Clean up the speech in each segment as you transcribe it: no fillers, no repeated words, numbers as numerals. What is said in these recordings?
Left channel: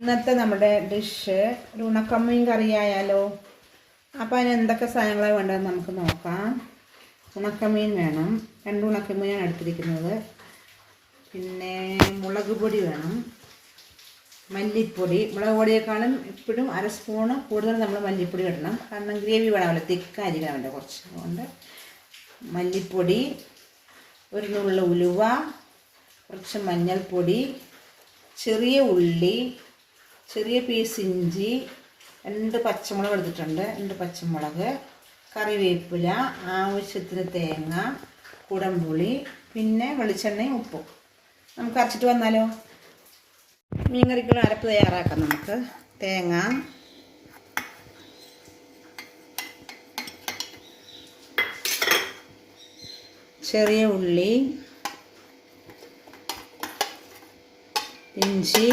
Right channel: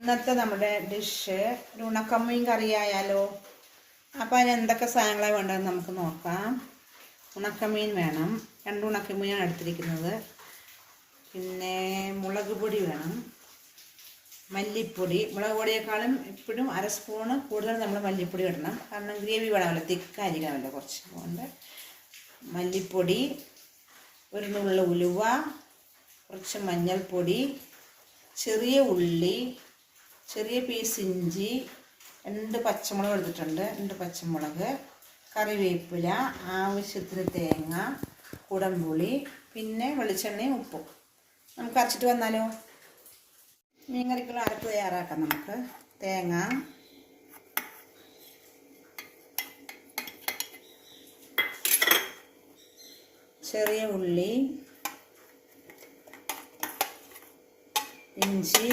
ഇന്നത്തെ നമ്മുടെ ഡിഷ് ഒരു ഉണക്കമീൻ കറി ആയാലോ. അപ്പോൾ അതിന് എന്തൊക്കെ സാധനങ്ങളാണ് വേണ്ടതെന്ന് നമുക്ക് നോക്കാം. ഉണക്കമീൻ വേണം, 2 ഉണക്കമീനാണ് എടുത്തിരിക്കുന്നത്. പിന്നെ മുളക് പൊടി വേണം, മല്ലിപ്പൊടി. മുളക് പൊടിയേക്കാളും എപ്പോഴും 1/2 സ്പൂണ് കൂടുതൽ നമ്മൾ മല്ലിപ്പൊടി ഇടണം, കാരണം ഗ്രേവി വേണമല്ലോ, തിക്കായിരിക്കണമല്ലോ കുറച്ച്. അതുകൊണ്ട് മല്ലിപ്പൊടി, ഒരു നുള്ള ഉലുവ, കുറച്ച് മഞ്ഞൾപ്പൊടി, ചെറിയ ഉള്ളി, ചെറിയ പീസ് ഇഞ്ചി, 2 പച്ചമുളക് എടുത്തിട്ടുണ്ട്, 2 പച്ചമുളക്, കറിവേപ്പില, ആവശ്യത്തിന് തേങ്ങ, കുടംപുളി, പിന്നെ വെളിച്ചെണ്ണയും ഉപ്പും. നമുക്ക് അരച്ചിട്ട് വന്നാലോ. മീൻ കറിക്കുള്ള അരപ്പ് തയ്യാറാക്കാം. നമുക്ക് തേങ്ങ, ചെറിയ ഉള്ളി, ഇഞ്ചി,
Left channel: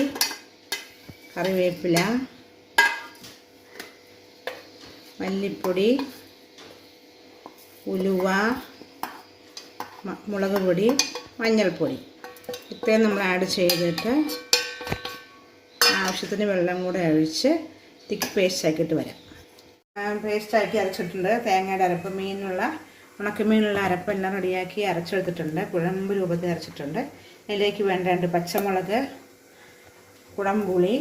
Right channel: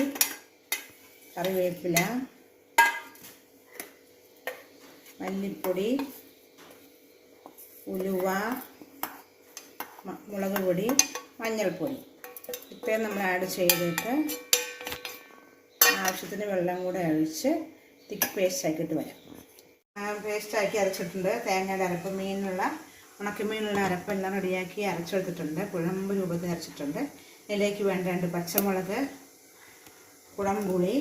കറിവേപ്പില, മല്ലിപ്പൊടി, ഉലുവ, മുളക് പൊടി, മഞ്ഞൾപ്പൊടി. ഇത്രയും നമ്മൾ ആഡ് ചെയ്തിട്ട് ആവശ്യത്തിന് വെള്ളം കൂടെ ഒഴിച്ച് തിക്ക് പേസ്റ്റ് ആക്കിയിട്ട് വരാം. പേസ്റ്റാക്കി അരച്ചിട്ടുണ്ട്. തേങ്ങയുടെ അരപ്പ്, ഉണക്കമീനുള്ള അരപ്പെല്ലാം റെഡിയാക്കി അരച്ചെടുത്തിട്ടുണ്ട്. കുഴമ്പ് രൂപത്തിൽ അരച്ചിട്ടുണ്ട്. അതിലേക്ക് വേണ്ട 2 പച്ചമുളക്, കുടംപുളി.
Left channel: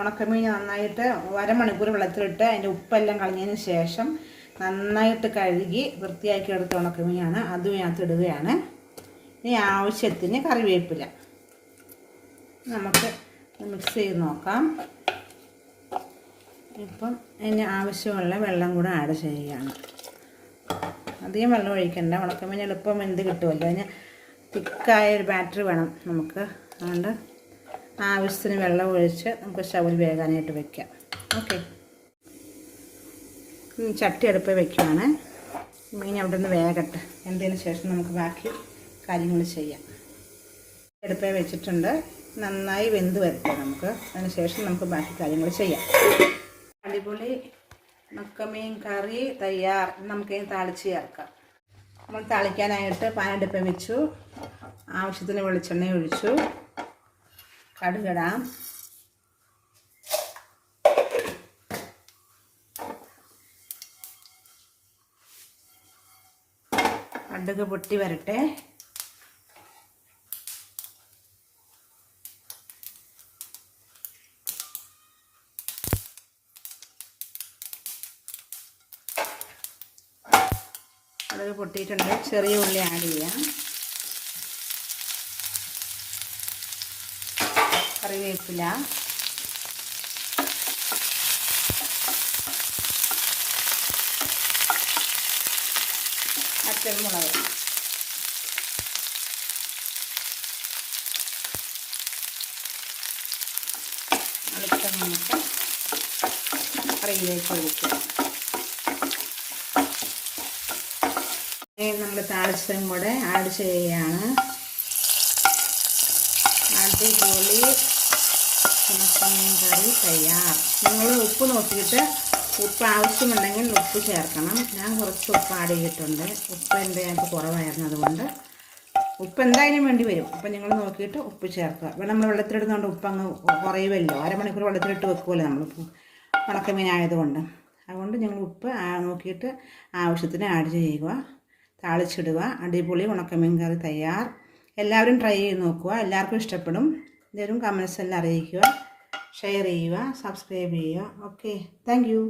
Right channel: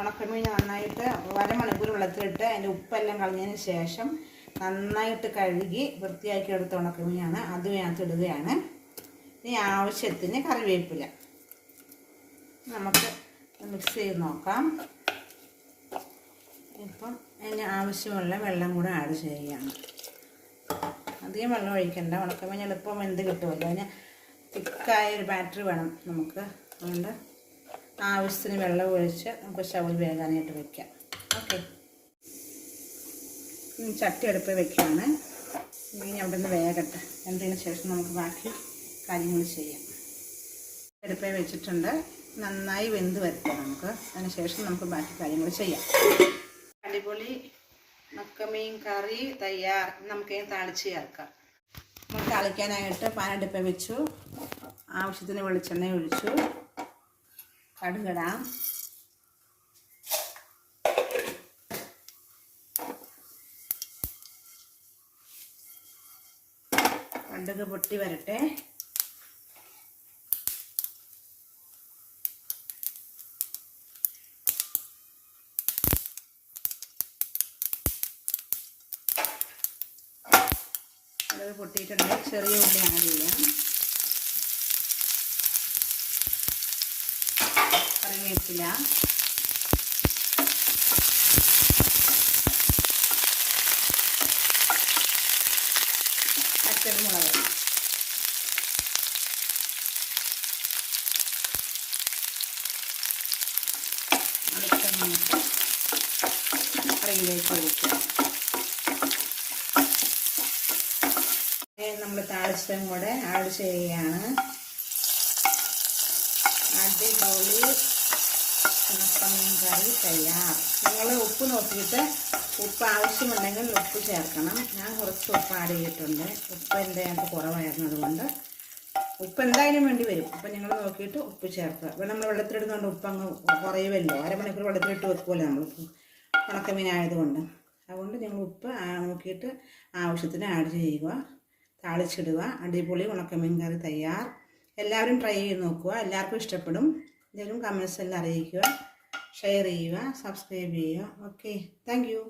ഉണക്കമീൻ നന്നായിട്ട് 1/2 മണിക്കൂർ വെള്ളത്തിലിട്ട് അതിൻ്റെ ഉപ്പെല്ലാം കളഞ്ഞതിന് ശേഷം നന്നായിട്ട് കഴുകി വൃത്തിയാക്കി എടുത്ത ഉണക്കമീനാണ്. അത് അതിനകത്ത് ഇടുകയാണ്. ഇനി ആവശ്യത്തിന് കറിവേപ്പില നമുക്ക് മിക്സ് ചെയ്ത് നോക്കാം. ഇപ്പം അതിന് ആവശ്യമുള്ള വെള്ളം കൂടെ ആഡ് ചെയ്യുകയാണ്. അധികം വെള്ളം ഒഴിക്കണ്ട, ഉണക്കമീൻ എളുപ്പം വെന്ത് കിട്ടുമല്ലോ. അതിന് തിക്കായ ഒരു ബാറ്ററി വേണം നമുക്ക്. അതുകൊണ്ട് ആവശ്യത്തിന് വെള്ളം ഒഴിച്ച് നമുക്ക് സ്റ്റൗവിൽ വേകാനായിട്ട് വയ്ക്കാം. ഓക്കെ, ചട്ടി അടുപ്പ് വയ്ക്കുകയാണ്. മീൻ അവിടെ നിന്ന് വേകട്ടെ. എന്നതിന് ശേഷം നമുക്ക് ബാക്കി കാര്യങ്ങൾ ചെയ്യാം. അടുപ്പേ വെച്ചിട്ടുണ്ട്, നന്നായി വെന്ത് വരട്ടെ നമുക്ക്. അതിന് ശേഷം നമുക്ക് ബാക്കി കാര്യങ്ങൾ ചെയ്യാം. അടിപൊളി ഉണക്കമീൻ കറി തയ്യാർ. നമുക്കതിന് താളിച്ച് ചേർക്കാം. നമ്മൾ താളിക്കാനായിട്ട് പാനടുപ്പേ വെച്ചു. ആവശ്യത്തിന് വെളിച്ചെണ്ണ ഒഴിച്ചു. കടുകിടാം. കടുക് പൊട്ടി വരട്ടെ. കടുക് പൊട്ടിയിട്ടുണ്ട്. ചെറിയ ഉള്ളി ആഡ് ചെയ്യാം. കറിവേപ്പില, പച്ചമുളക്, കറിയിലേക്ക് ഒഴിക്കുക. നമ്മൾ താളിച്ചതും കൂടെ ആഡ് ചെയ്യുകയാണ്. അടിപൊളി ഉണക്കമീൻ കറി തയ്യാർ. നിങ്ങൾ ഉപ്പ് നോക്കിയിട്ട് ഉപ്പ് ആവശ്യമുണ്ടെങ്കിൽ ഉപ്പ് ചേർക്കണം. ഞാൻ കുറച്ച് ഉപ്പ് ആഡ് ചെയ്തിട്ടുണ്ട്. ഉപ്പ് എൻ്റെ അതിനകത്ത് കുറവായിരുന്നു, അതുകൊണ്ട് ഉപ്പ് എന്തായാലും വേണ്ടി വരും. അപ്പം നിങ്ങൾ നോക്കിയിട്ട് ഉപ്പ് ചേർക്കുക. നമ്മൾ വെള്ളത്തിലിടുന്നതുകൊണ്ട് ഉപ്പ് അങ്ങ് കുറയുമല്ലോ. 1/2 മണിക്കൂർ വെള്ളത്തിലിട്ട് വെക്കുമല്ലോ നമ്മൾ ഉണക്കമീൻ ആയതുകൊണ്ട്. അതുകൊണ്ട് നിങ്ങൾ ഉപ്പ് നോക്കിയിട്ട് ആവശ്യത്തിന് ആഡ് ചെയ്യുക, താളിച്ചിടുക. അടിപൊളി ഉണക്കമീൻ കറി തയ്യാർ. എല്ലാവരും ട്രൈ ചെയ്ത് നോക്കുക. എല്ലാവർക്കും ഇഷ്ടപ്പെടും. എല്ലാവരും കമൻസ് എല്ലാം അറിയിക്കുക, ഷെയർ ചെയ്യുക, സബ്സ്ക്രൈബ് ചെയ്യുക. Okay, thank you.